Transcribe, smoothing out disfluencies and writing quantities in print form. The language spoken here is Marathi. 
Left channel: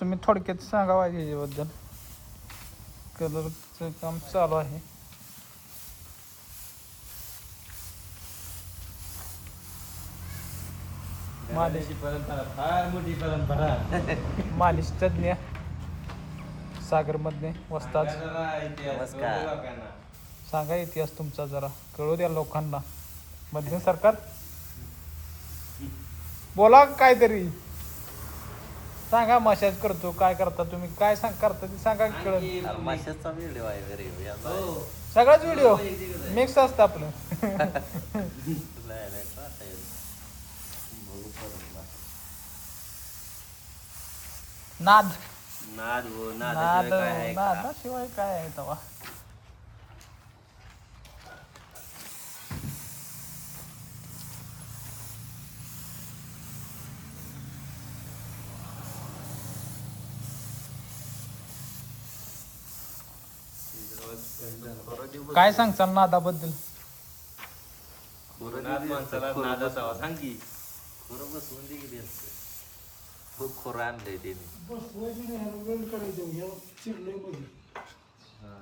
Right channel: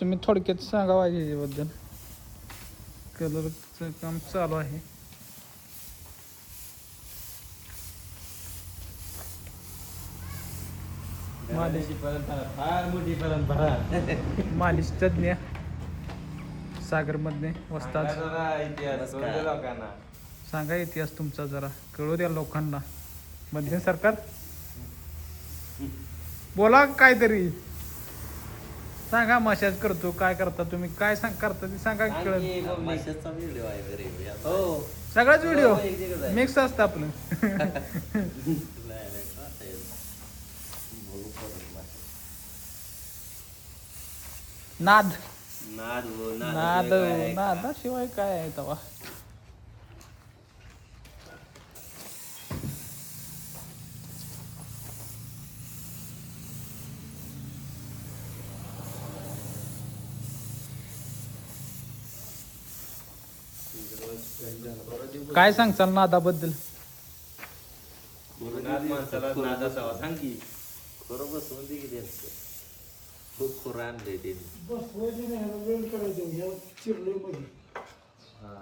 तुम्ही थोडक्यात सांगा पाहिजे याच्याबद्दल. कलरचं काम चालू आहे. परंपरा फार मोठी परंपरा. मालिश तज्ञ सागरमधले वस्ताद. सांगा इतिहास तुमचा जरा, कळू द्या लोकांना. मध्यम सरकार बोला काहीतरी सांगा. मशाज करतो काय करता तुम्ही, काय करता ते सांगा. कळत माशाचा व्हिडिओ आहे घरी. सगळ्याच व्हिडिओ मिक्स असतं आपलं. नाद नाद हो, नादाशिवाय काय आहे का? नादाशिवाय काय आहे का? काय सांगताल नादाबद्दल? सांग की खरं बसवून दे की त्यांचं. खूप खोरं आणलंय त्यांनी. वेळ करायचं चिरलोय मध्ये. हा